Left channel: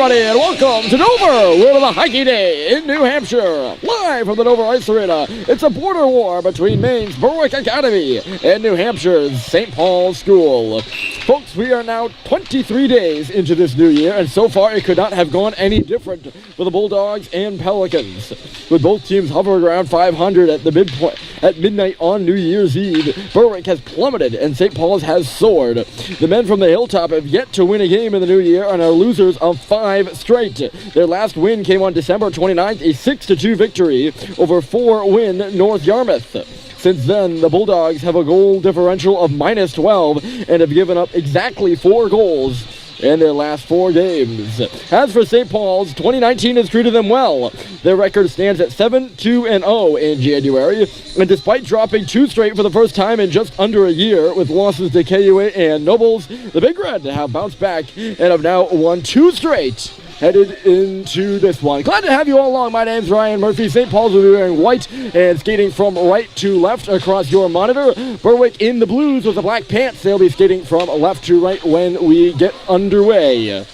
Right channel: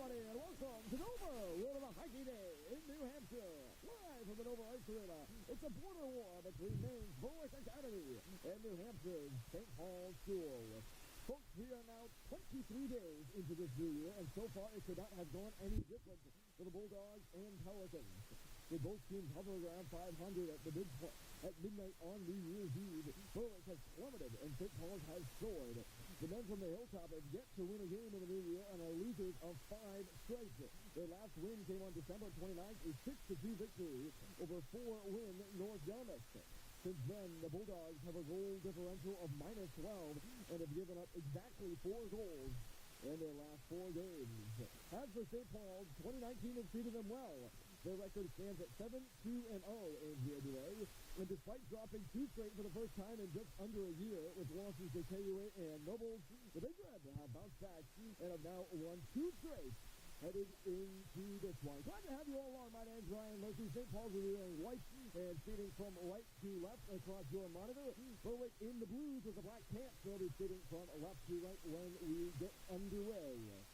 everybody, and welcome to Dover. We're on a hockey day in New Hampshire. Live from the Dover Ice Arena, it's a border war between Maine's Berwick Academy and New Hampshire's St. Paul's School. Folks, we are now 23 days into this new year, and so far it could not have gone any different for the Bulldogs and Pelicans. With both teams hovering around 500 at midnight on New Year's Eve, Berwick has plummeted and St. Paul's has soared. The men from the Hilltop have yet to win a game in the new year and are losers of 5 straight. Their last win came on December 29th, a 6-2 victory over 4-win North Yarmouth. Since then, the Bulldogs have a goal differential of -12 and have given up exactly 4 goals in their last 4 games. As for St. Paul's, 2019 has treated them well. Their record stands at 7-2-0 in January, and despite dropping 2 straight for the first time in just under a year with losses to KUA and Nobles, the Big Red have bounced back and have now won 2 straight headed into this one. Glad to have you all along. My name's Ryan Murphy. St. Paul's will be wearing white and skating from right to left across your monitor. Berwick in the blues with the black pants. They'll be skating from left to right when we get underway.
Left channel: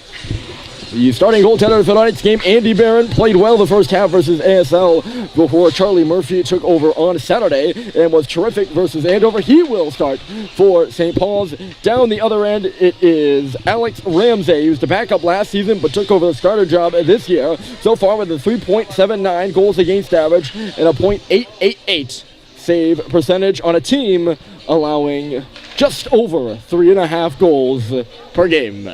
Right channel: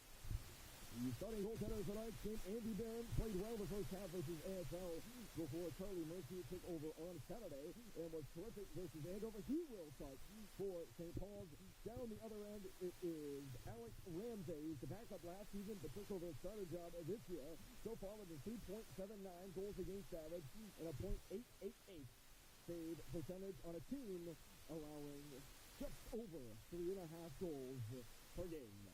The starting goaltender for tonight's game, Andy Barron, played well the first half versus ASL before Charlie Murphy took over on Saturday and was terrific versus Andover. He will start for St. Paul's. Down the other end, it is Alex Ramsey, who's the backup last season but took over the starter job this year. So far with a 3.79 goals against average and a .888 save percentage on a team allowing just over 3.5 goals per game.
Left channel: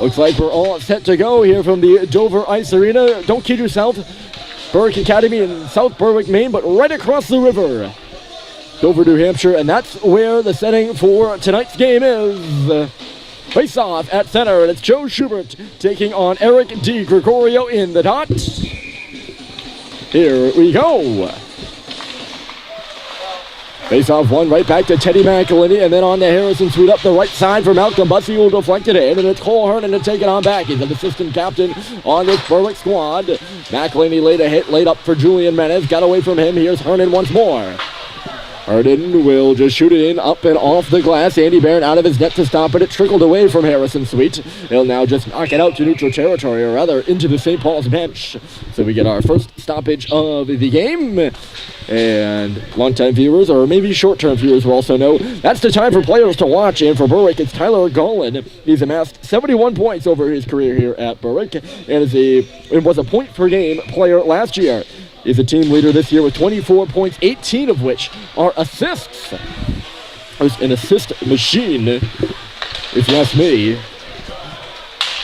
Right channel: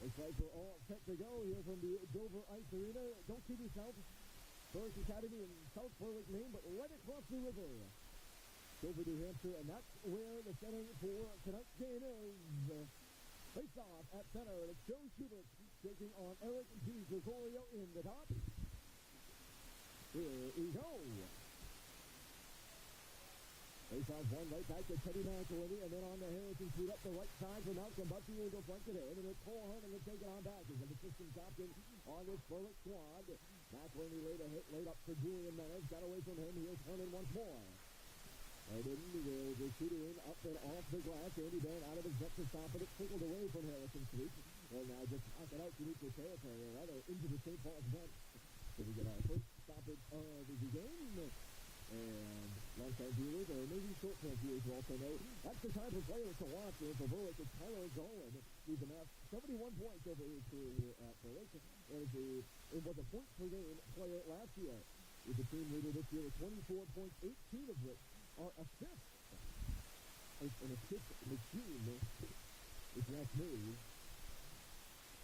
Looks like we're all set to go here from the Dover Ice Arena. Don't kid yourself, Berwick Academy in South Berwick, Maine, but right across the river, Dover, New Hampshire, and that's where the setting for tonight's game is. Face off at center, and it's Joe Schubert taking on Eric D. Gregorio in the dot. Here we go. Face off one, right back to Teddy McElhinney, and then on to Harrison Sweet up the right side for Malcolm Bussey, who will deflect it in, and it's Cole Hernan to take it on back. He's an assistant captain on this Berwick squad. McElhinney laid a hit, laid up for Julian Menez, got away from him. Here's Hernan once more. Hernan will just shoot it in, up and off the glass. Andy Barron out of his net to stop it. It trickled away from Harrison Sweet. He'll now just knock it out to neutral territory, or rather into the St. Paul's bench. So we get our first stoppage of the game. And longtime viewers, or maybe short-term viewers, will also know that's the time for players to watch. And for Berwick, it's Tyler Golan. He's amassed 71 points over his career here at Berwick, and was a point-per-game player last year. He's a team leader this year with 24 points, 18 of which are assists. There's an assist machine, if you ask me.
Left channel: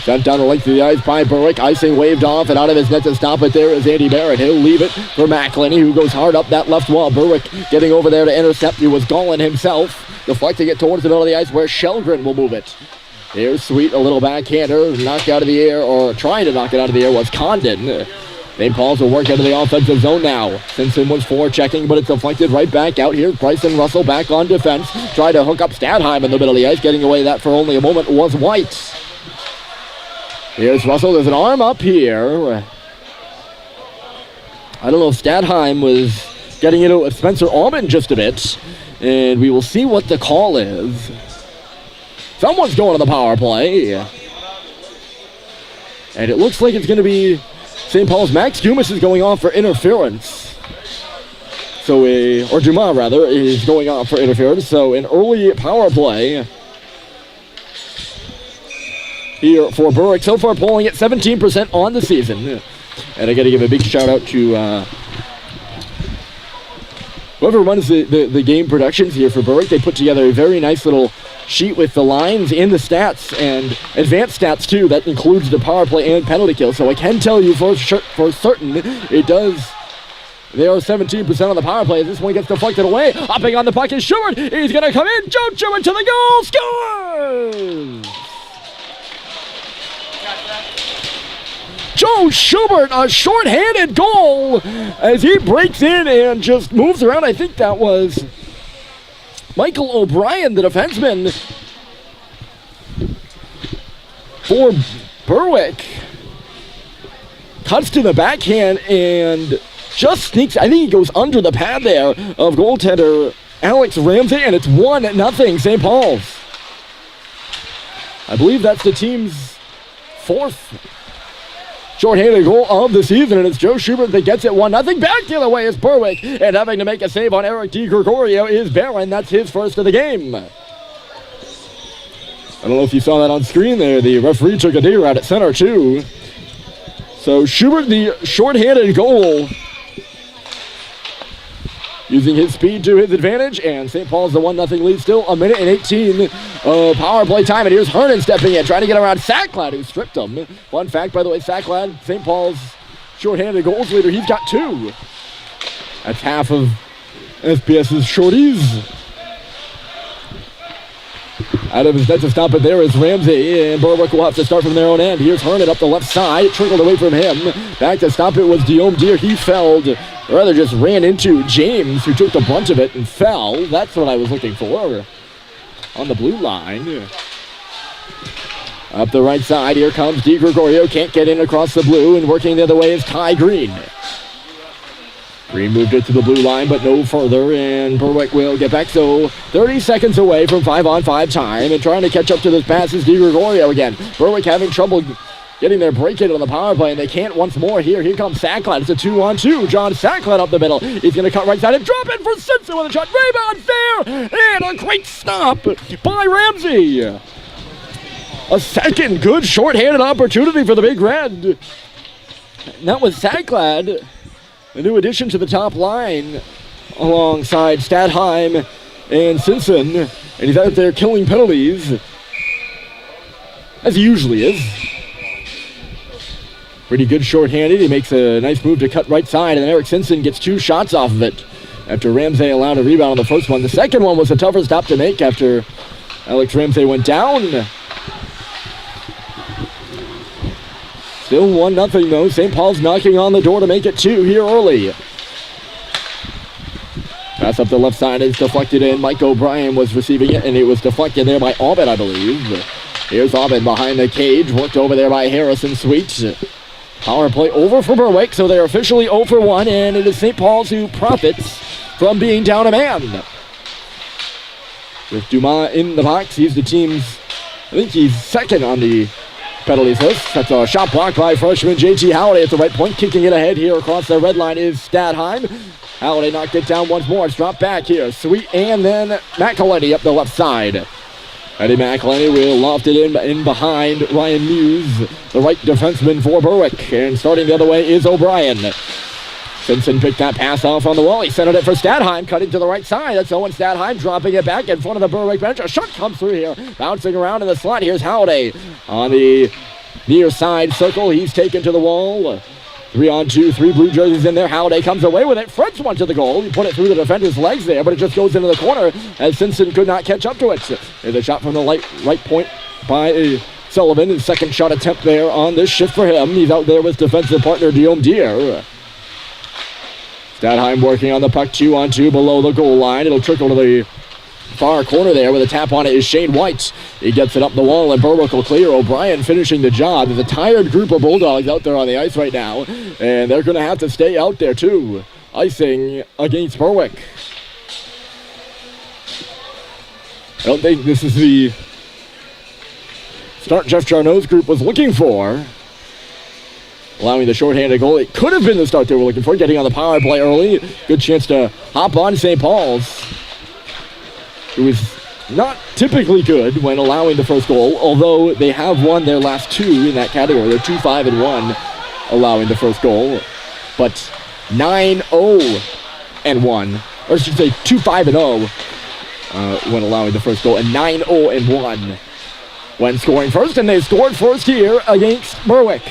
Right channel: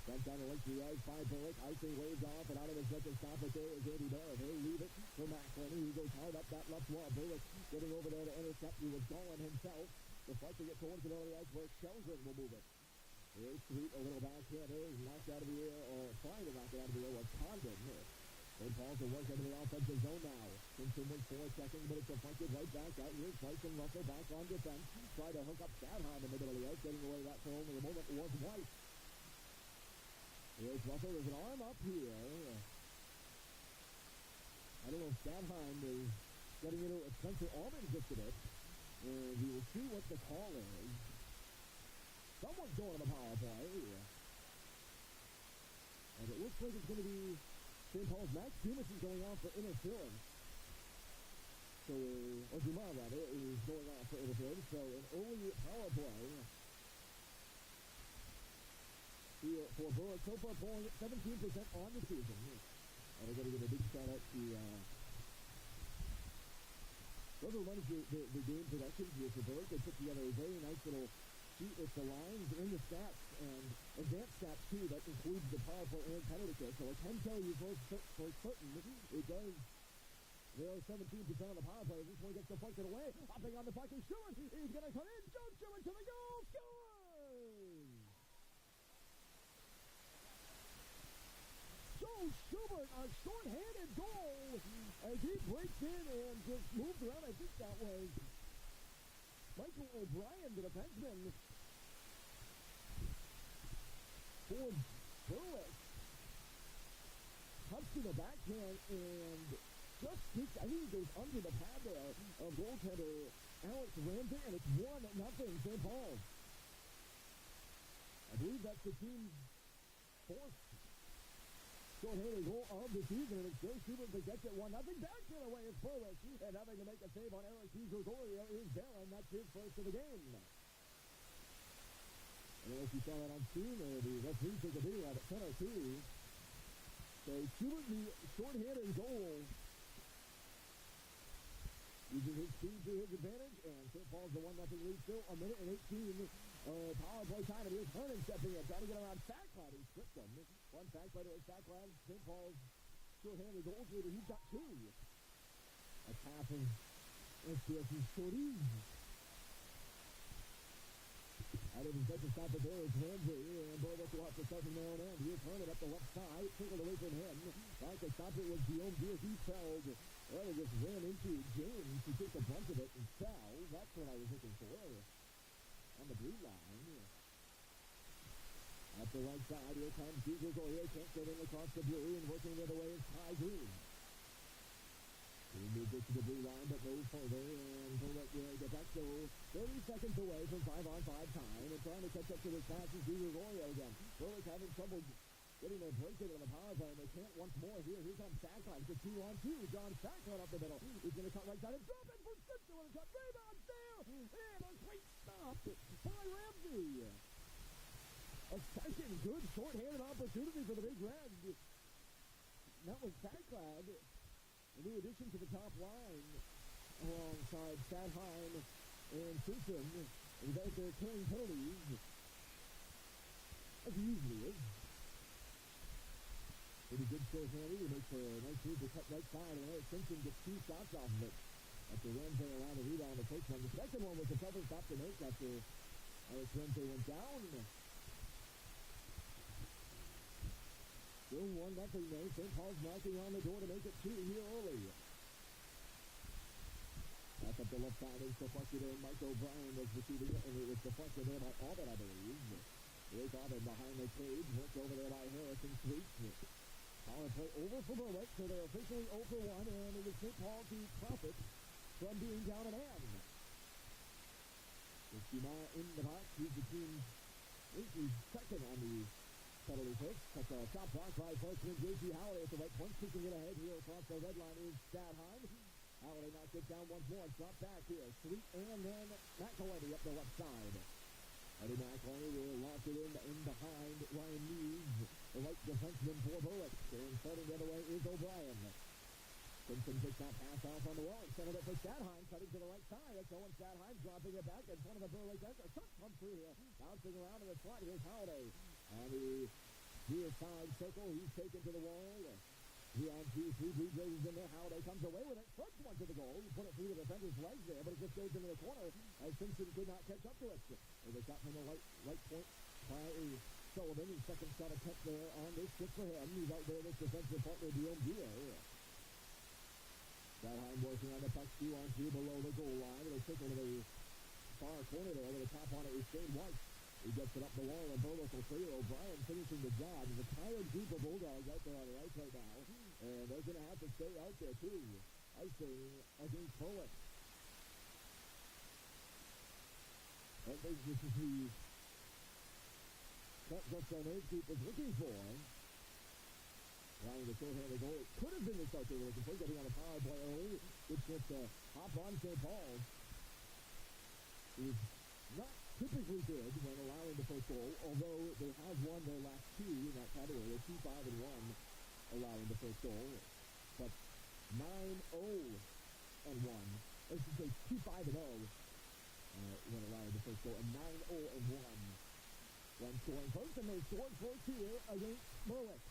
Sent down the length of the ice by Berwick. Icing waved off and out of his net to stop it. There is Andy Barrett. He'll leave it for McElhinney, who goes hard up that left wall. Berwick getting over there to intercept. It was Golan himself, deflecting it towards the middle of the ice where Shelgren will move it. Here's Sweet, a little backhander, knocked out of the air, or trying to knock it out of the air was Condon. St. Paul's will work into the offensive zone now. Simpson was forechecking, but it's deflected right back out here. Bryson Russell back on defense. Tried to hook up Stadheim in the middle of the ice. Getting away that for only a moment was White. Here's Russell. There's an arm up here. I don't know if Stadheim was getting into it with Spencer Almond just a bit. And we will see what the call is. Someone's going to the power play. And it looks like it's going to be St. Paul's. Max Dumas is going off for interference. Or Dumas rather, is going off for interference. So an early power play here for Berwick. So far polling at 17% on the season. And I got to give a big shout out to whoever runs the game productions here for Berwick. They put together a very nice little sheet with the lines and the stats and advanced stats too. That includes the power play and penalty kill. So I can tell you for certain it does. They are 17% on the power play. This one gets deflected away. Hopping on the puck is Schubert. He's going to come in. Joe Schubert to the goal. Scores! Joe Schubert, a short-handed goal as he breaks in and just moves around. I think that was Michael O'Brien, the defenseman for Berwick. Cuts to the backhand and just sneaks. I think he goes under the pad there of goaltender Alex Ramsey, and it's 1-0 St. Paul's. I believe that's the team's fourth short-handed goal of the season, and it's Joe Schubert that gets it 1-0. Back the other way is Berwick, and having to make a save on Eric DiGregorio is Barron. That's his first of the game. I don't know if you saw that on screen there. The referee took a dig out at center, too. So Schubert, the short-handed goal, using his speed to his advantage, and St. Paul's the 1-0 lead still. 1:18 power play time, and here's Hernan stepping in, trying to get around Sacklad, who stripped him. Fun fact, by the way, Sacklad, St. Paul's short-handed goals leader, he's got 2. That's half of SPS's shorties. Out of his net to stop it there is Ramsey, and Berwick will have to start from their own end. Here's Hernan up the left side. It trickled away from him. Back to stop it was Guillaume Deere. He felled, or rather just ran into James, who took the brunt of it and fell. That's what I was looking for on the blue line. Up the right side, here comes DiGregorio. Can't get in across the blue, and working the other way is Ty Green. Green moved it to the blue line, but no further, and Berwick will get back. So 30 seconds away from 5-on-5 time, and trying to catch up to this pass is DiGregorio again. Berwick having trouble getting their break in on the power play, and they can't once more here. Here comes Sacklad. It's a 2-on-2. John Sacklad up the middle. He's going to cut right side and drop it for Simpson with a shot. Rebound there, and a great stop by Ramsey. A second good short-handed opportunity for the Big Red. And that was Sacklad, a new addition to the top line alongside Stadheim and Simpson. And he's out there killing penalties, as he usually is. Pretty good short-handed. He makes a nice move to cut right side, and Eric Simpson gets 2 shots off of it after Ramsey allowed a rebound on the first one. The second one was a tougher stop to make after Alex Ramsey went down. Still 1-0 though. St. Paul's knocking on the door to make it 2 here early. Pass up the left side is deflected in. Mike O'Brien was receiving it, and it was deflected there by Aubin, I believe. Here's Aubin behind the cage, worked over there by Harrison Sweet. Power play over for Berwick, so they're officially 0 for 1, and it is St. Paul's who profits from being down a man. With Dumas in the box, he's the team's, I think he's second on the penalties list. That's a shot blocked by freshman JT Halliday at the right point. Kicking it ahead here across the red line is Stadheim. Halliday knocked it down once more. It's dropped back here. Sweet, and then McElhenney up the left side. Eddie McElhenney will loft it in behind Ryan Muse, the right defenseman for Berwick. And starting the other way is O'Brien. Simpson picked that pass off on the wall. He centered it for Stadheim, cutting to the right side. That's Owen Stadheim dropping it back in front of the Berwick bench. A shot comes through here, bouncing around in the slot. Here's Halliday on the near side circle. He's taken to the wall. 3-on-2, 3 blue jerseys in there. Halliday comes away with it. Fred's one to the goal. He put it through the defender's legs there, but it just goes into the corner as Simpson could not catch up to it. There's a shot from the right point by Sullivan. His second shot attempt there on this shift for him. He's out there with defensive partner Guillaume Deere. Stadheim working on the puck, 2-on-2 below the goal line. It'll trickle to the far corner there with a tap on it is Shane White. He gets it up the wall, and Berwick will clear. O'Brien finishing the job. There's a tired group of Bulldogs out there on the ice right now, and they're going to have to stay out there too. Icing against Berwick. I don't think this is the start Jeff Charnot's group was looking for. Allowing the shorthanded goal. It could have been the start they were looking for. Getting on the power play early. Good chance to hop on St. Paul's, who is not typically good when allowing the first goal, although they have won their last 2 in that category. They're 2-5-1 allowing the first goal, but 9-0-1, or I should say 2-5-0 when allowing the first goal, and 9-0-1 when scoring first, and they scored first here against Berwick.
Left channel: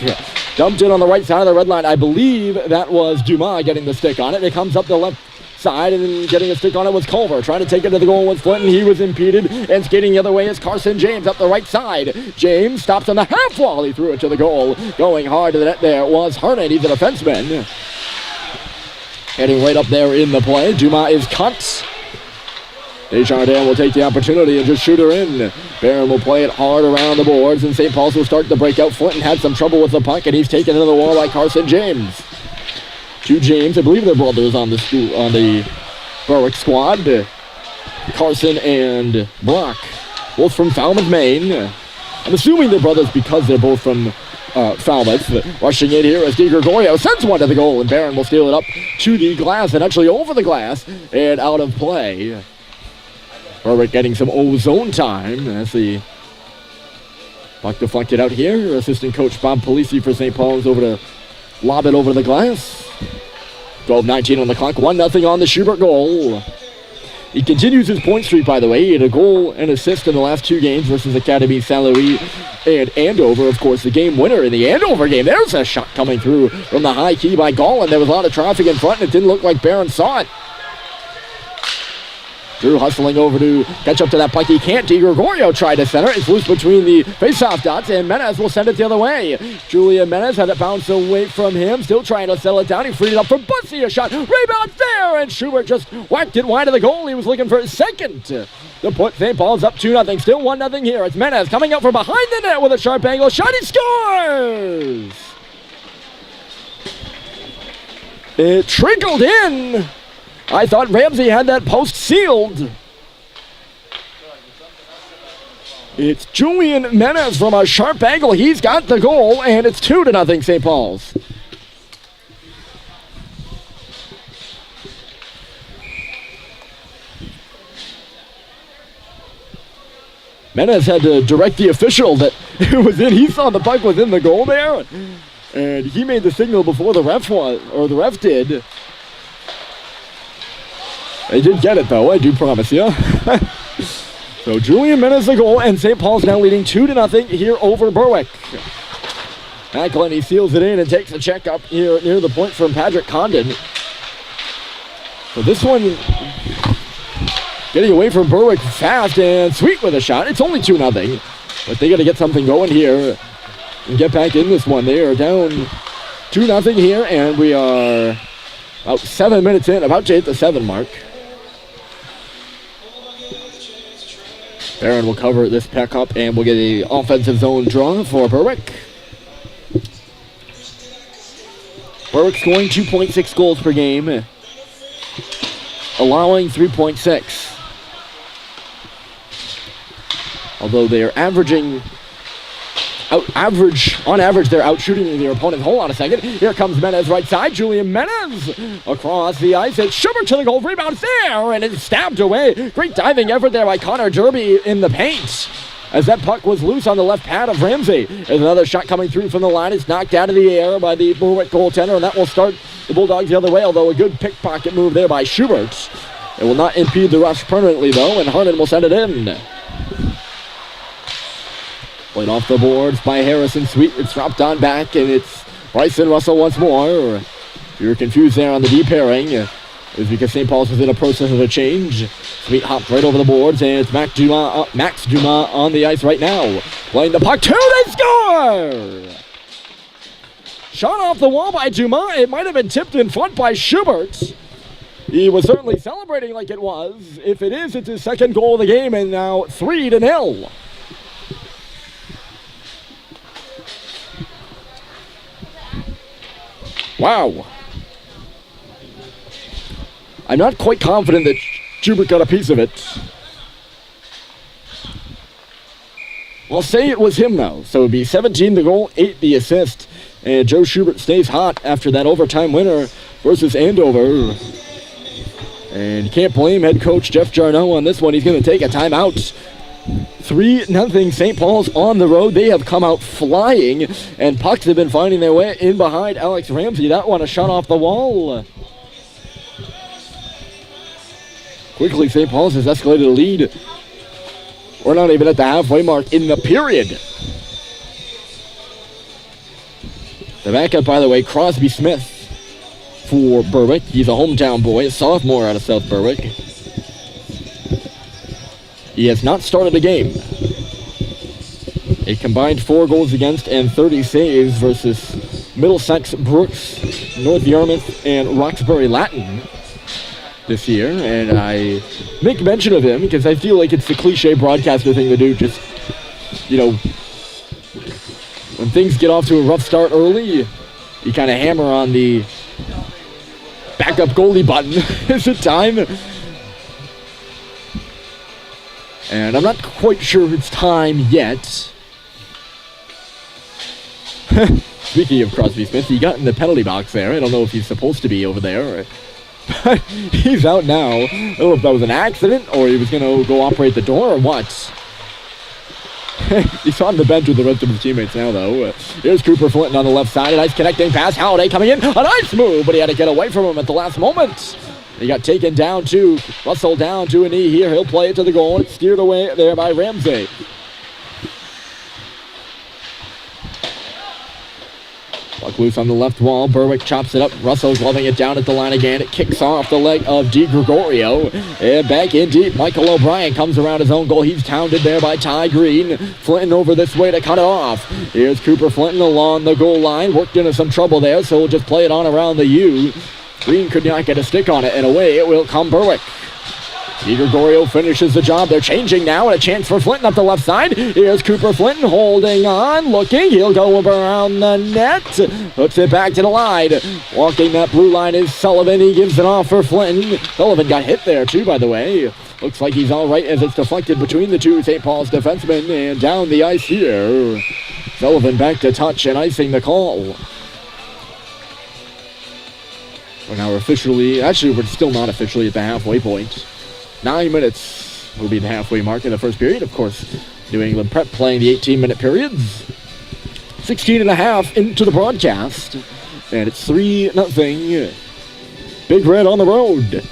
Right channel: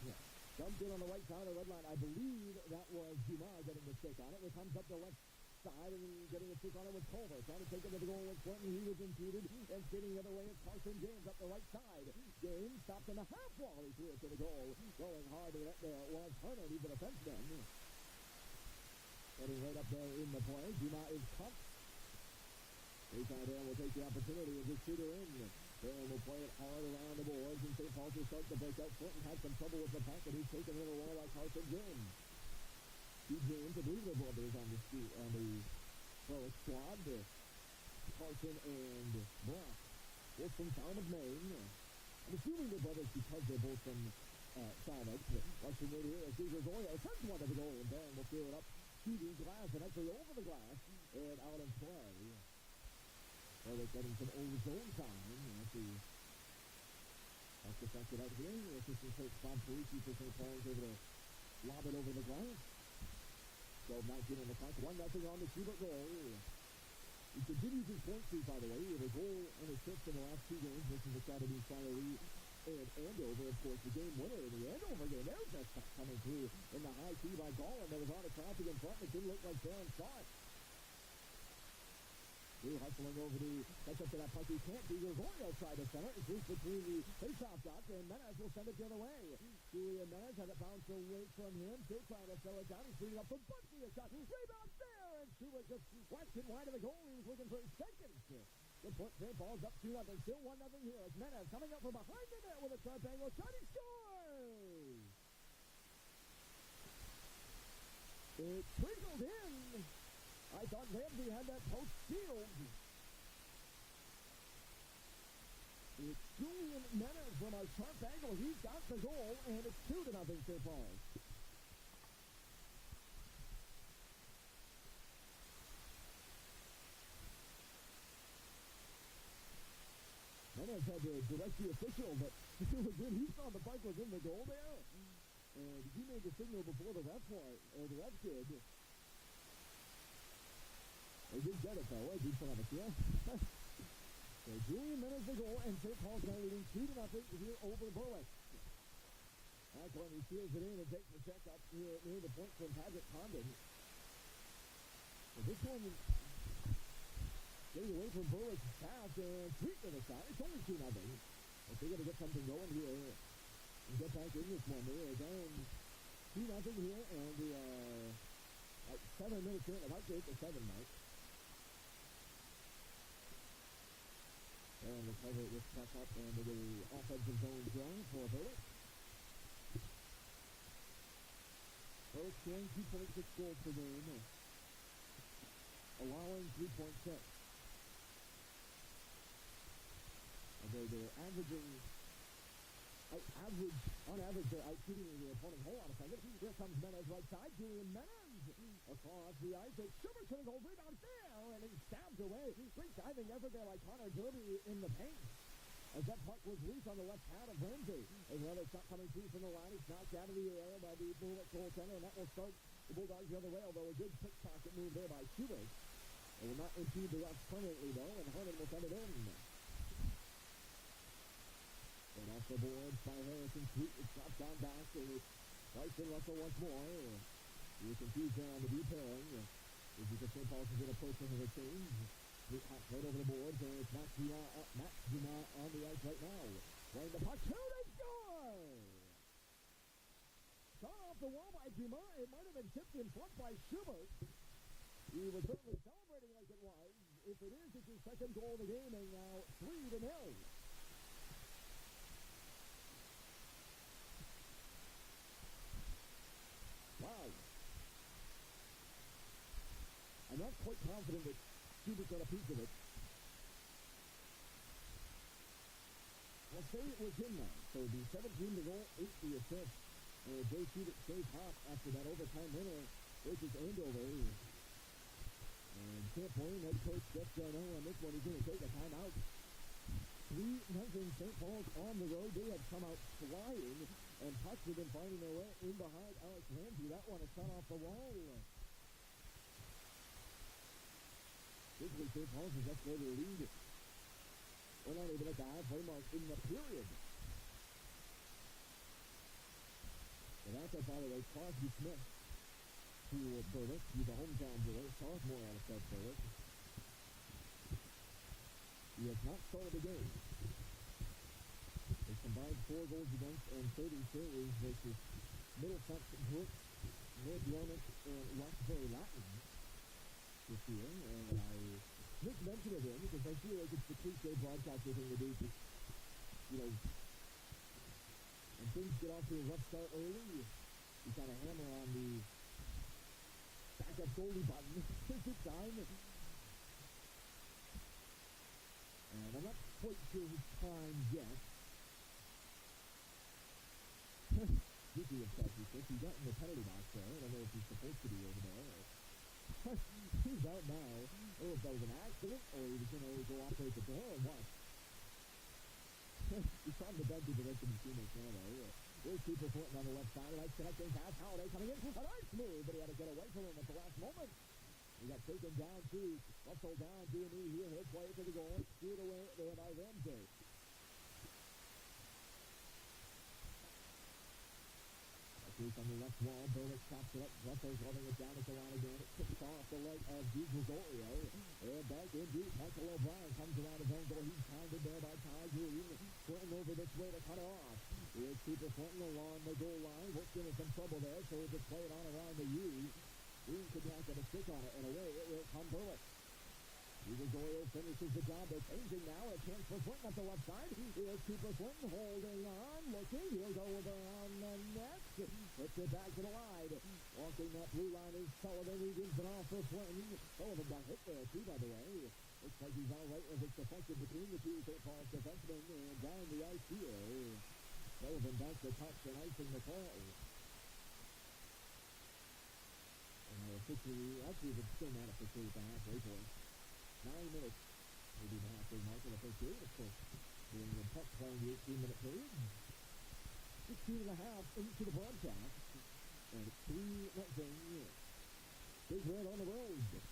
Dumped in on the right side of the red line. I believe that was Dumas getting the stick on it. It comes up the left side, and then getting a stick on it was Culver. Trying to take it to the goal with Flinton. He was impeded, and skating the other way is Carson James up the right side. James stops on the half wall. He threw it to the goal. Going hard to the net there was Hernan. He's a defenseman. Heading right up there in the play. Dumas is cut. Desjardins will take the opportunity and just shoot her in. Barron will play it hard around the boards, and St. Paul's will start the breakout. Flinton had some trouble with the puck, and he's taken into the wall by Carson James. 2 James, I believe they're brothers on the Berwick squad. Carson and Brock, both from Falmouth, Maine. I'm assuming they're brothers because they're both from Falmouth. Rushing in here as DiGregorio sends one to the goal, and Barron will steal it up to the glass and actually over the glass and out of play. Berwick getting some zone time as the puck deflected out here. Assistant coach Bob Polisi for St. Paul's over to lob it over the glass. 12:19 on the clock, 1-0 on the Schubert goal. He continues his point streak, by the way. He had a goal and assist in the last 2 games versus Academy Saint Louis and Andover. Of course, the game winner in the Andover game. There's a shot coming through from the high key by Gallin. There was a lot of traffic in front, and it didn't look like Barron saw it. Drew hustling over to catch up to that puck. He can't. DiGregorio tried to center. It's loose between the face-off dots, and Menez will send it the other way. Julian Menez had it bounce away from him. Still trying to settle it down. He freed it up for Bussey. A shot. Rebound there, and Schubert just whacked it wide of the goal. He was looking for his second to put St. Paul's up 2-0. Still 1-0 here. It's Menez coming out from behind the net with a sharp angle. Shot. He scores! It trickled in. I thought Ramsey had that post sealed. It's Julian Menez from a sharp angle. He's got the goal, and it's 2-0 St. Paul's. Menez had to direct the official that it was in. He saw the puck was in the goal there, and he made the signal before the ref did. They did get it, though, I do promise you. So Julian Menez the goal, and St. Paul's now leading 2-0 here over Berwick. Macklin, he seals it in and takes a check up here near the point from Patrick Condon. So this one getting away from Berwick fast, and Sweet with a shot. It's only 2-0, but they got to get something going here and get back in this one. They are down 2-0 here, and we are about 7 minutes in, about to hit the 7 mark. Barron will cover this pack up, and we'll get an offensive zone draw for Berwick. Berwick scoring 2.6 goals per game, allowing 3.6. Although they're averaging, on average, they're out shooting their opponent. Hold on a second. Here comes Menez right side. Julian Menez across the ice. It's Schubert to the goal. Rebound there, and it's stabbed away. Great diving effort there by Connor Derby in the paint, as that puck was loose on the left pad of Ramsey. There's another shot coming through from the line. It's knocked out of the air by the Berwick goaltender, and that will start the Bulldogs the other way, although a good pickpocket move there by Schubert. It will not impede the rush permanently, though, and Harden will send it in. Played off the boards by Harrison Sweet. It's dropped on back, and it's Bryson Russell once more. If you're confused there on the D pairing, it's because St. Paul's was in a process of a change. Sweet hopped right over the boards, and it's Max Dumas on the ice right now. Playing the puck, they score! Shot off the wall by Dumas. It might have been tipped in front by Schubert. He was certainly celebrating like it was. If it is, it's his second goal of the game, and now 3-0. Wow. I'm not quite confident that Schubert got a piece of it. I'll say it was him, though. So it would be 17 the goal, 8 the assist. And Joe Schubert stays hot after that overtime winner versus Andover. And you can't blame head coach Jeff Jarneau on this one. He's going to take a timeout. 3-0 St. Paul's on the road. They have come out flying, and pucks have been finding their way in behind Alex Ramsey. That one a shot off the wall. Quickly, St. Paul's has escalated a lead. We're not even at the halfway mark in the period. The backup, by the way, Crosby Smith for Berwick. He's a hometown boy, a sophomore out of South Berwick. He has not started a game. A combined 4 goals against and 30 saves versus Middlesex, Brooks, North Yarmouth, and Roxbury Latin this year. And I make mention of him because I feel like it's the cliche broadcaster thing to do. Just, when things get off to a rough start early, you kind of hammer on the backup goalie button. Is it time? And I'm not quite sure it's time yet. Speaking of Crosby Smith, he got in the penalty box there. I don't know if he's supposed to be over there. But he's out now. I don't know if that was an accident or he was going to go operate the door or what. He's on the bench with the rest of his teammates now, though. Here's Cooper Flinton on the left side. A nice connecting pass. Halliday coming in. A nice move, but he had to get away from him at the last moment. He got taken down to Russell down to a knee here. He'll play it to the goal. It's steered away there by Ramsey. Puck loose on the left wall. Berwick chops it up. Russell gloving it down at the line again. It kicks off the leg of Di Gregorio. And back in deep. Michael O'Brien comes around his own goal. He's pounded there by Ty Green. Flinton over this way to cut it off. Here's Cooper Flinton along the goal line. Worked into some trouble there, so we'll just play it on around the U. Green could not get a stick on it, and away it will come Berwick. Di Gregorio finishes the job. They're changing now, and a chance for Flinton up the left side. Here's Cooper Flinton holding on, looking. He'll go around the net. Hooks it back to the line. Walking that blue line is Sullivan. He gives it off for Flinton. Sullivan got hit there, too, by the way. Looks like he's all right as it's deflected between the two St. Paul's defensemen. And down the ice here. Sullivan back to touch and icing the call. We're now officially, actually we're still not officially at the halfway point. 9 minutes will be the halfway mark in the first period. Of course, New England Prep playing the 18-minute periods. 16 and a half into the broadcast. And it's 3-0. Big Red on the road.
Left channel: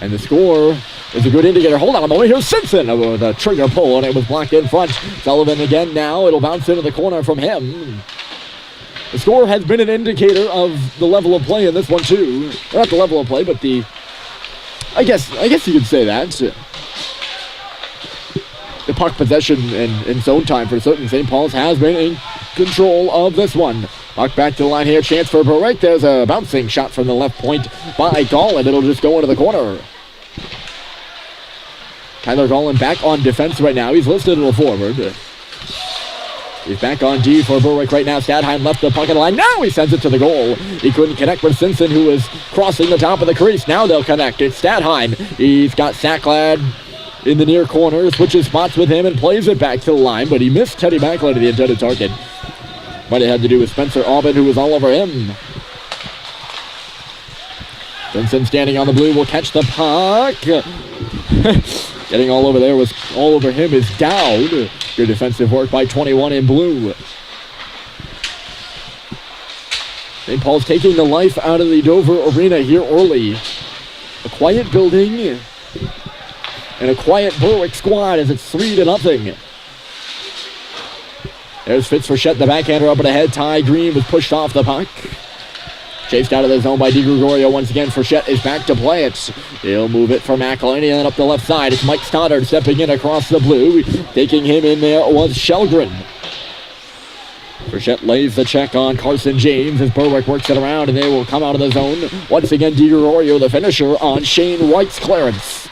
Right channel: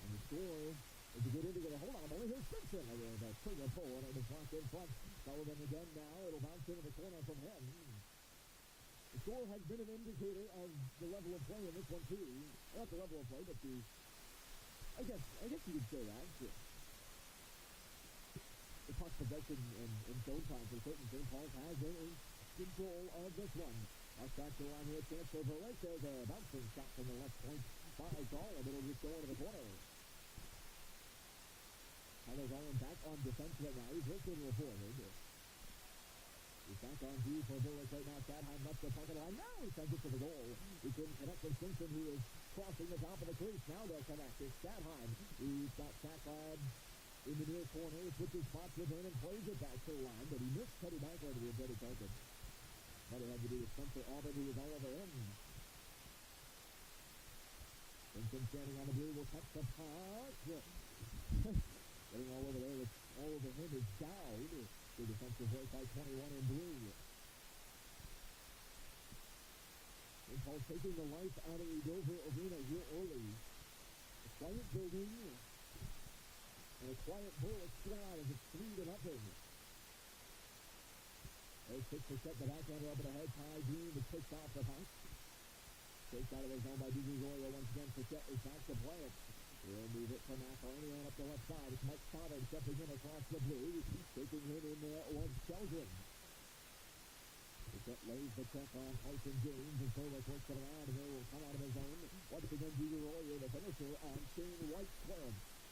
And the score is a good indicator. Hold on a moment. Here's Simpson with a trigger pull, and it was blocked in front. Sullivan again now. It'll bounce into the corner from him. The score has been an indicator of the level of play in this one, too. Well, not the level of play, but the... I guess you could say that. The puck possession and zone time for certain St. Paul's has been in control of this one. Puck back to the line here. Chance for Berwick. There's a bouncing shot from the left point by Gallin. It'll just go into the corner. Tyler Gallin back on defense right now. He's listed as a forward. He's back on D for Berwick right now. Stadheim left the puck on the line. Now he sends it to the goal. He couldn't connect with Simpson, who was crossing the top of the crease. Now they'll connect. It's Stadheim. He's got Sacklad in the near corner. Switches spots with him and plays it back to the line, but he missed Teddy Backlund to the intended target. Might have had to do with Spencer Aubin, who was all over him. Simpson standing on the blue will catch the puck. Getting all over there was all over him is Dowd. Good defensive work by 21 in blue. St. Paul's taking the life out of the Dover Arena here early. A quiet building and a quiet Berwick squad as it's 3-0. There's Fitzrochette, the backhander up and ahead. Ty Green was pushed off the puck. Chased out of the zone by Di Gregorio once again. Frechette is back to play it. He'll move it for McElhinney and up the left side. It's Mike Stoddard stepping in across the blue. Taking him in there was Shelgren. Frechette lays the check on Carson James as Berwick works it around, and they will come out of the zone. Once again, Di Gregorio, the finisher, on Shane White's clearance.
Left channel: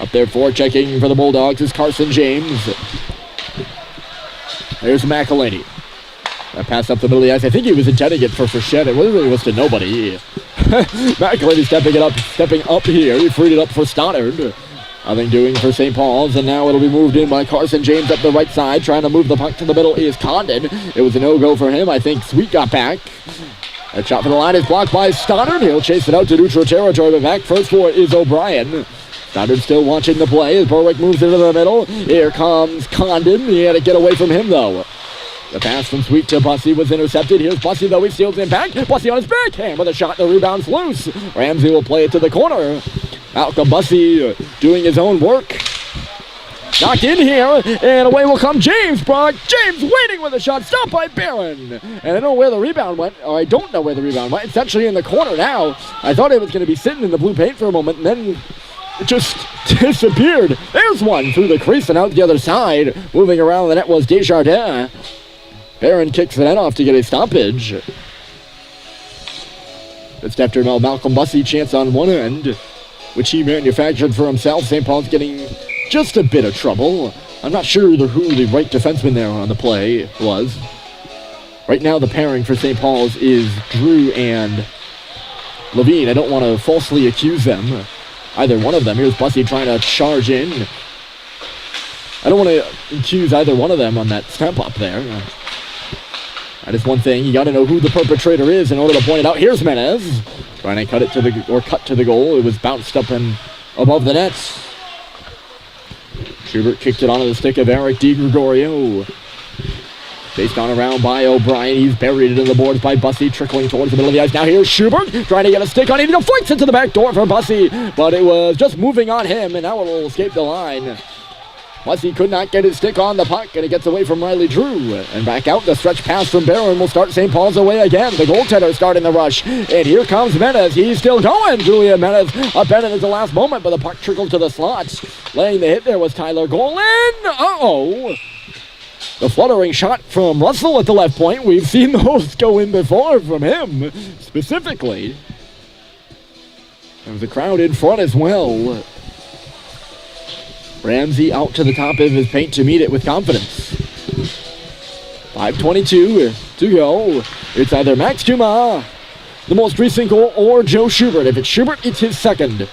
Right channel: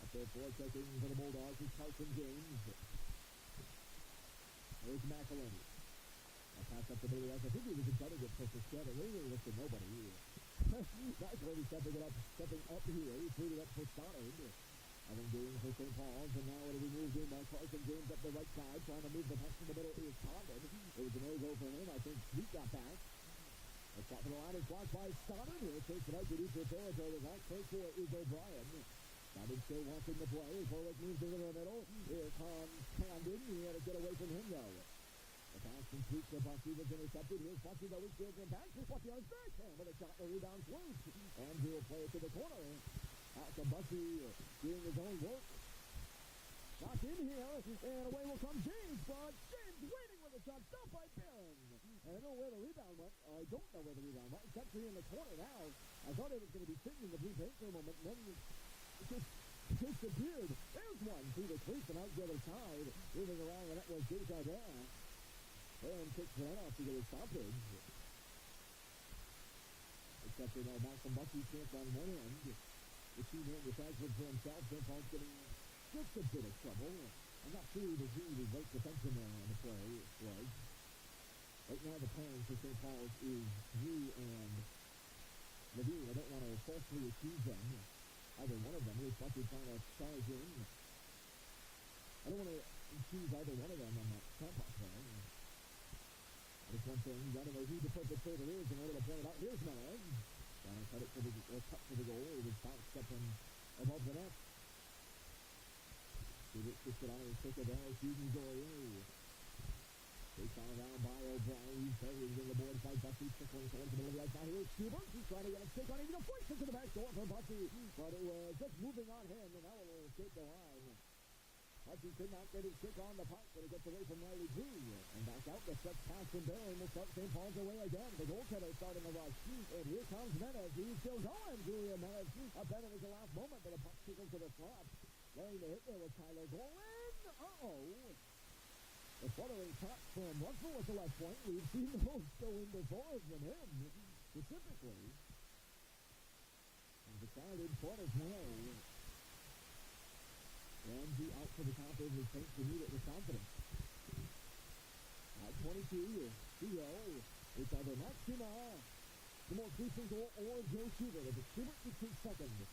Up there for checking for the Bulldogs is Carson James. There's McElhinney. That pass up the middle of the ice. I think he was intending it for Frechette. It really was to nobody. McElhinney stepping up here. He freed it up for Stoddard. Nothing doing for St. Paul's, and now it'll be moved in by Carson James up the right side. Trying to move the puck to the middle is Condon. It was a no-go for him. I think Sweet got back. That shot from the line is blocked by Stoddard. He'll chase it out to neutral territory, but back first for is O'Brien. Stoddard still watching the play as Berwick moves into the middle. Here comes Condon. He had to get away from him, though. The pass from Sweet to Bussey was intercepted. Here's Bussey, though. He steals it back. Bussey on his backhand with a shot. The rebound's loose. Ramsey will play it to the corner. Malcolm Bussey doing his own work. Knocked in here, and away will come James Brock. James waiting with a shot. Stopped by Barron. And I don't know where the rebound went, or I don't know where the rebound went. It's actually in the corner now. I thought it was going to be sitting in the blue paint for a moment, and then it just disappeared. There's one through the crease and out the other side. Moving around the net was Desjardins. Barron kicks the net off to get a stoppage. It's after Malcolm Bussey chance on one end, which he manufactured for himself. St. Paul's getting just a bit of trouble. I'm not sure who the right defenseman there on the play was. Right now the pairing for St. Paul's is Drew and Levine. I don't want to falsely accuse them. either one of them. Here's Bussey trying to charge in. I don't want to accuse either one of them on that step up there. That is one thing. You got to know who the perpetrator is in order to point it out. Here's Menez trying to cut to the goal. It was bounced up and above the net. Schubert kicked it onto the stick of Eric DiGregorio. Chased on around by O'Brien. He's buried it in the boards by Bussey, trickling towards the middle of the ice. Now here's Schubert trying to get a stick on it. He deflects it to the back door for Bussey, but it was just moving on him, and now it will escape the line. Bussey could not get his stick on the puck, and it gets away from Riley Drew. And back out, the stretch pass from Barron will start St. Paul's away again. The goaltender starting the rush, and here comes Menez. He's still going. Julian Menez upended at the last moment, but the puck trickled to the slots. Laying the hit there was Tyler Golin. Uh-oh. The fluttering shot from Russell at the left point. We've seen those go in before from him, specifically. There was a crowd in front as well. Ramsey out to the top of his paint to meet it with confidence. 5:22 to go. It's either Max Dumas, the most recent goal, or Joe Schubert. If it's Schubert, it's his second.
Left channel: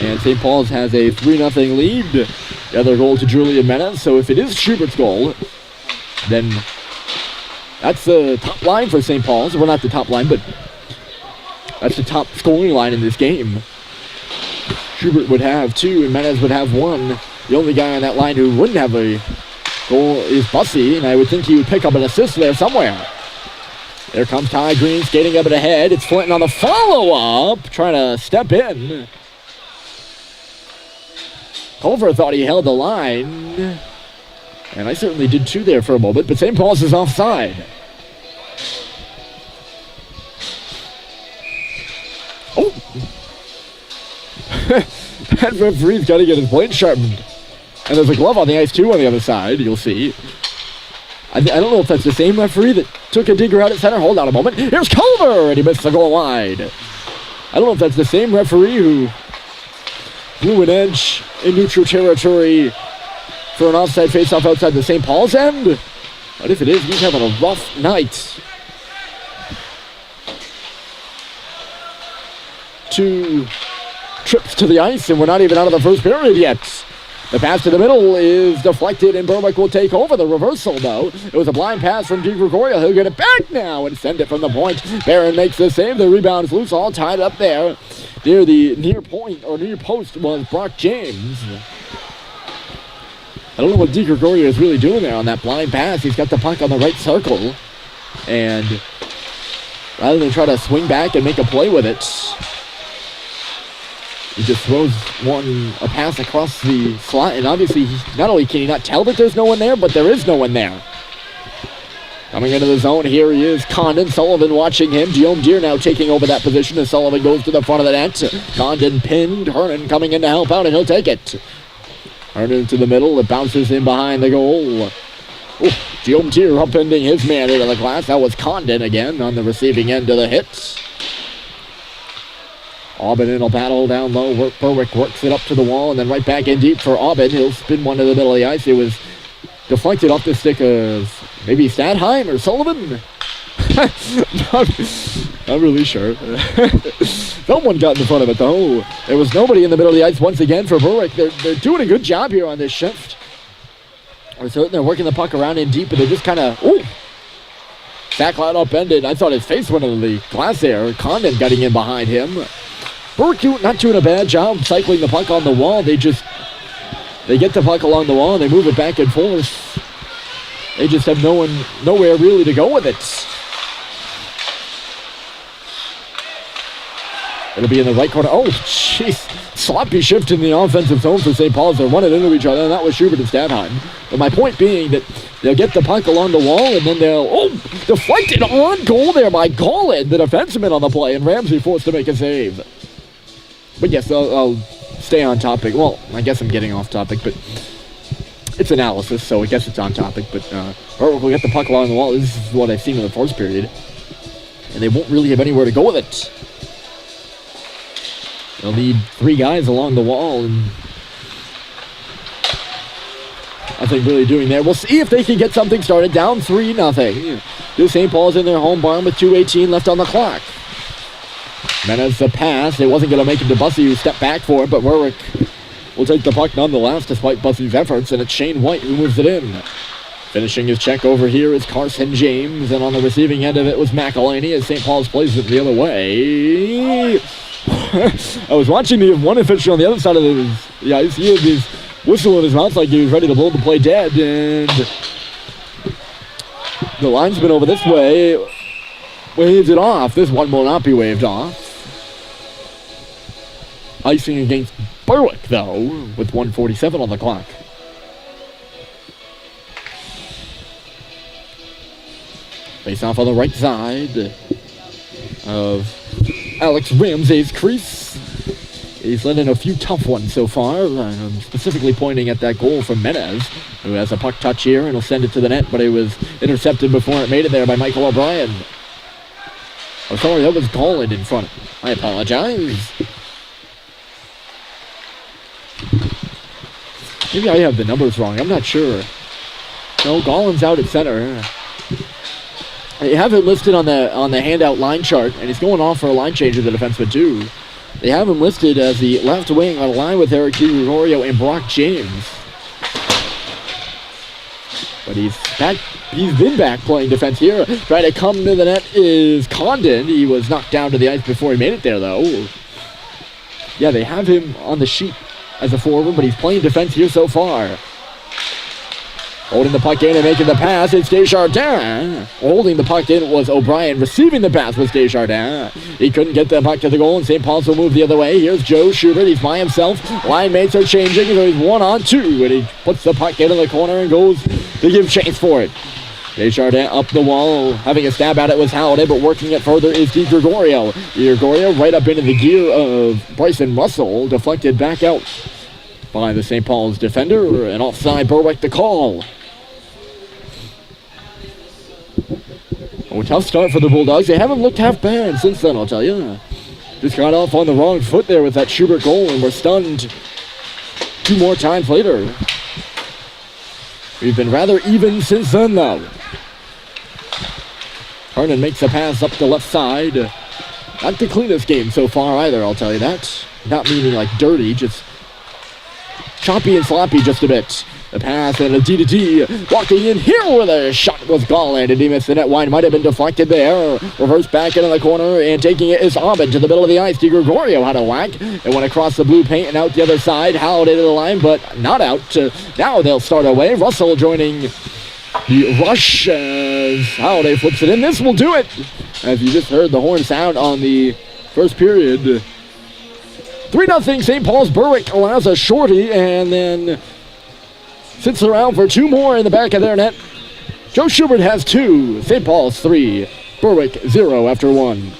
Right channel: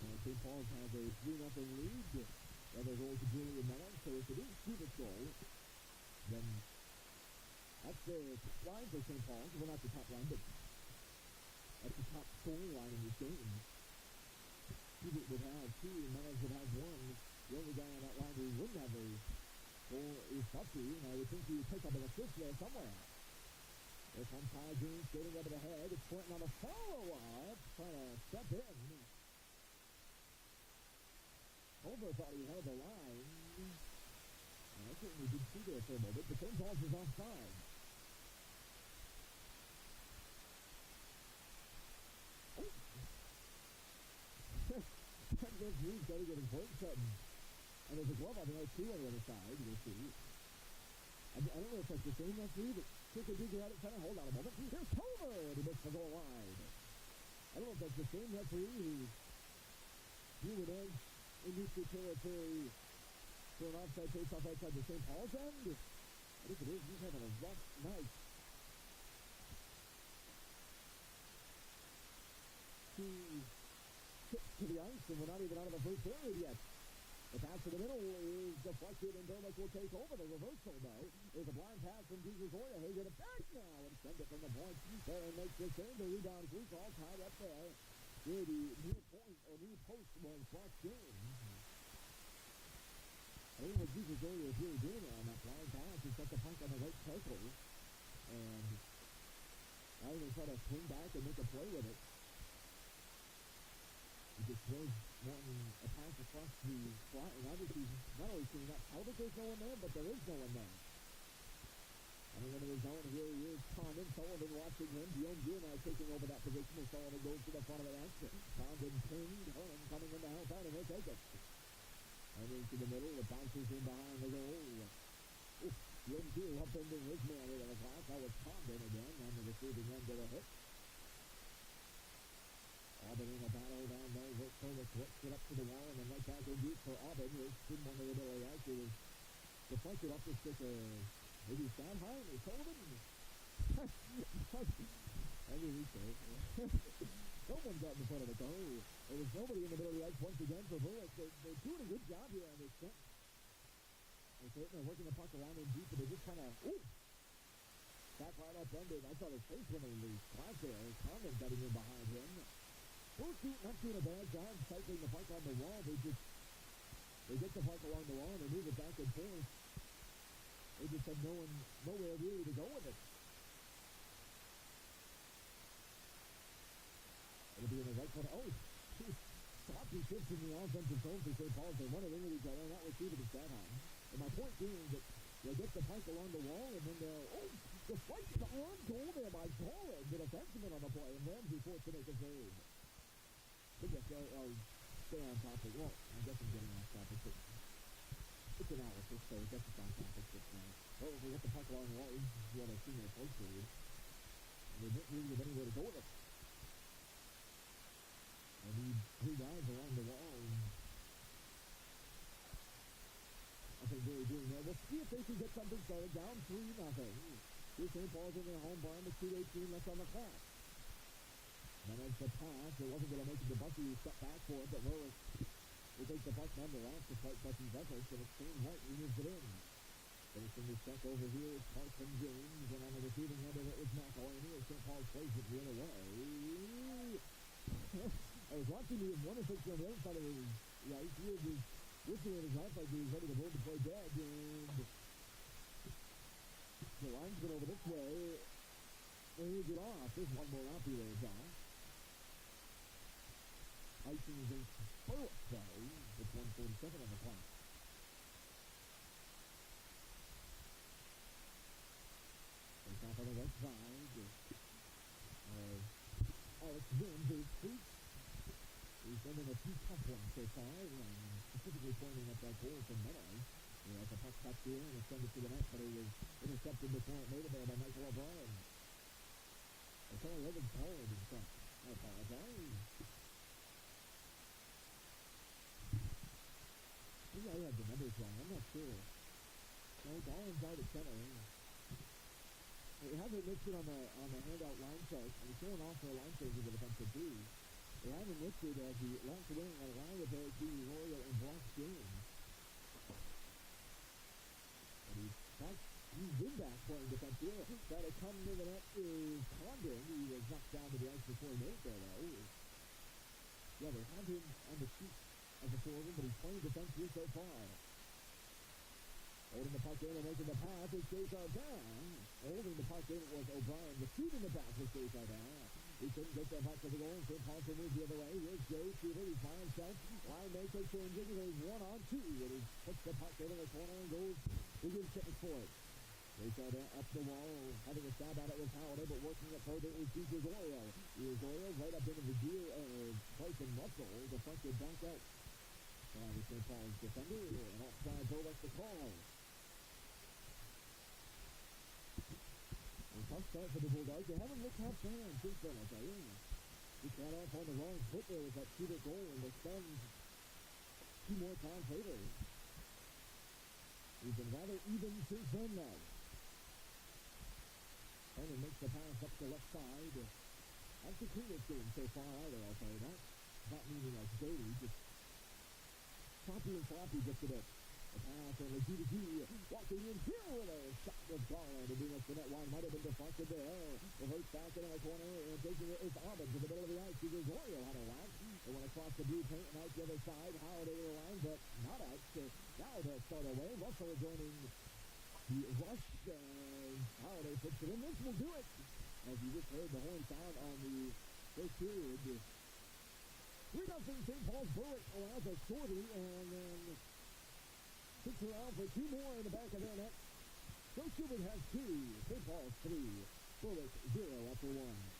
And St. Paul's has a 3-0 lead. The other goal to Julian Menez. So if it is Schubert's goal, then that's the top line for St. Paul's. Well, not the top line, but that's the top scoring line in this game. Schubert would have 2 and Menez would have 1. The only guy on that line who wouldn't have a goal is Bussey, and I would think he would pick up an assist there somewhere. There comes Ty Green skating up and ahead. It's Flinton on the follow-up, trying to step in. Culver thought he held the line, and I certainly did too there for a moment, but St. Paul's is offside. Oh! That referee's got to get his blade sharpened. And there's a glove on the ice too on the other side, you'll see. I don't know if that's the same referee that took a digger out at center. Hold on a moment. Here's Culver, and he missed the goal wide. I don't know if that's the same referee who blew an edge in neutral territory for an offside faceoff outside the St. Paul's end. But if it is, he's having a rough night. 2 trips to the ice, and we're not even out of the first period yet. The pass to the middle is deflected, and Berwick will take over. The reversal, though. It was a blind pass from DiGregorio. He'll get it back now and send it from the point. Barron makes the save. The rebound is loose, all tied up there. Near the near point, or near post, was Brock James. I don't know what DiGregorio is really doing there on that blind pass. He's got the puck on the right circle. And rather than try to swing back and make a play with it, he just throws a pass across the slot, and obviously, not only can he not tell that there's no one there, but there is no one there. Coming into the zone, here he is, Condon. Sullivan watching him. Guillaume Deere now taking over that position as Sullivan goes to the front of the net. Condon pinned. Hernan coming in to help out, and he'll take it. Hernan to the middle. It bounces in behind the goal. Ooh, Guillaume Deere upending his man into the glass. That was Condon again on the receiving end of the hit. Aubin in a battle down low. Berwick works it up to the wall and then right back in deep for Aubin. He'll spin one to the middle of the ice. It was deflected off the stick of maybe Stadheim or Sullivan. not really sure. Someone got in front of it though. There was nobody in the middle of the ice once again for Berwick. They're doing a good job here on this shift. They're working the puck around in deep, but they're just kind of, Sackline upended. I thought his face went into the glass there. Condon getting in behind him. Berwick not doing a bad job cycling the puck on the wall. They get the puck along the wall and they move it back and forth. They just have nowhere really to go with it. It'll be in the right corner. Oh, jeez. Sloppy shift in the offensive zone for St. Paul's. They're running into each other, and that was Schubert and Stadheim. But my point being that they'll get the puck along the wall, and then they'll, deflected on goal there by Golin, the defenseman on the play, and Ramsey forced to make a save. But yes, I'll stay on topic. Well, I guess I'm getting off topic, but it's analysis, so I guess it's on topic. But we'll get the puck along the wall. This is what I've seen in the first period. And they won't really have anywhere to go with it. They'll need 3 guys along the wall, and nothing really doing there. We'll see if they can get something started. Down 3-0. St. Paul's in their home barn with 2:18 left on the clock. Menace the pass. It wasn't going to make it to Bussey, who stepped back for it, but Berwick will take the puck nonetheless despite Bussey's efforts, and it's Shane White who moves it in. Finishing his check over here is Carson James, and on the receiving end of it was McElhaney as St. Paul's plays it the other way. I was watching the one official on the other side of the ice. He had his whistle in his mouth like he was ready to blow the play dead, and the linesman over this way waves it off. This one will not be waved off. Icing against Berwick, though, with 1:47 on the clock. Face off on the right side of Alex Ramsey's crease. He's let in a few tough ones so far. I'm specifically pointing at that goal from Menez, who has a puck touch here and will send it to the net, but it was intercepted before it made it there by Michael O'Brien. Oh, sorry, that was Golland in front. I apologize. Maybe I have the numbers wrong. I'm not sure. No, Golland's out at center. They have it listed on the handout line chart, and he's going off for a line change with the defenseman too. They have him listed as the left wing on a line with Eric Gregorio and Brock James. But he's back. He's been back playing defense here. Trying to come to the net is Condon. He was knocked down to the ice before he made it there, though. Yeah, they have him on the sheet as a forward, but he's playing defense here so far. Holding the puck in and making the pass, it's Desjardins. Holding the puck in was O'Brien. Receiving the pass was Desjardins. He couldn't get the puck to the goal, and St. Paul's will move the other way. Here's Joe Schubert. He's by himself. Line mates are changing, so he's 1-on-2, and he puts the puck into the corner and goes to give chase for it. Desjardins up the wall. Having a stab at it was Halliday, but working it further is Di Gregorio. Gregorio right up into the gear of Bryson Russell. Deflected back out by the St. Paul's defender, and offside Berwick the call. Oh, tough start for the Bulldogs. They haven't looked half bad since then, I'll tell you. Just got off on the wrong foot there with that Schubert goal, and were stunned 2 more times later. We've been rather even since then, though. Hernan makes a pass up the left side. Not the cleanest game so far either, I'll tell you that. Not meaning like dirty, just choppy and sloppy just a bit. The pass and a D-to-D. Walking in here with a shot was Golland, and he missed the net wide. Might have been deflected there. Reverse back into the corner, and taking it is Aubin to the middle of the ice. Di Gregorio had a whack. It went across the blue paint and out the other side. Halliday to the line, but not out. Now they'll start away. Russell joining the rush as Halliday flips it in. This will do it. As you just heard the horn sound on the first period. 3-0 St. Paul's. Berwick allows a shorty, and then sits around for 2 more in the back of their net. Joe Schubert has 2. St. Paul's 3. Berwick 0 after 1.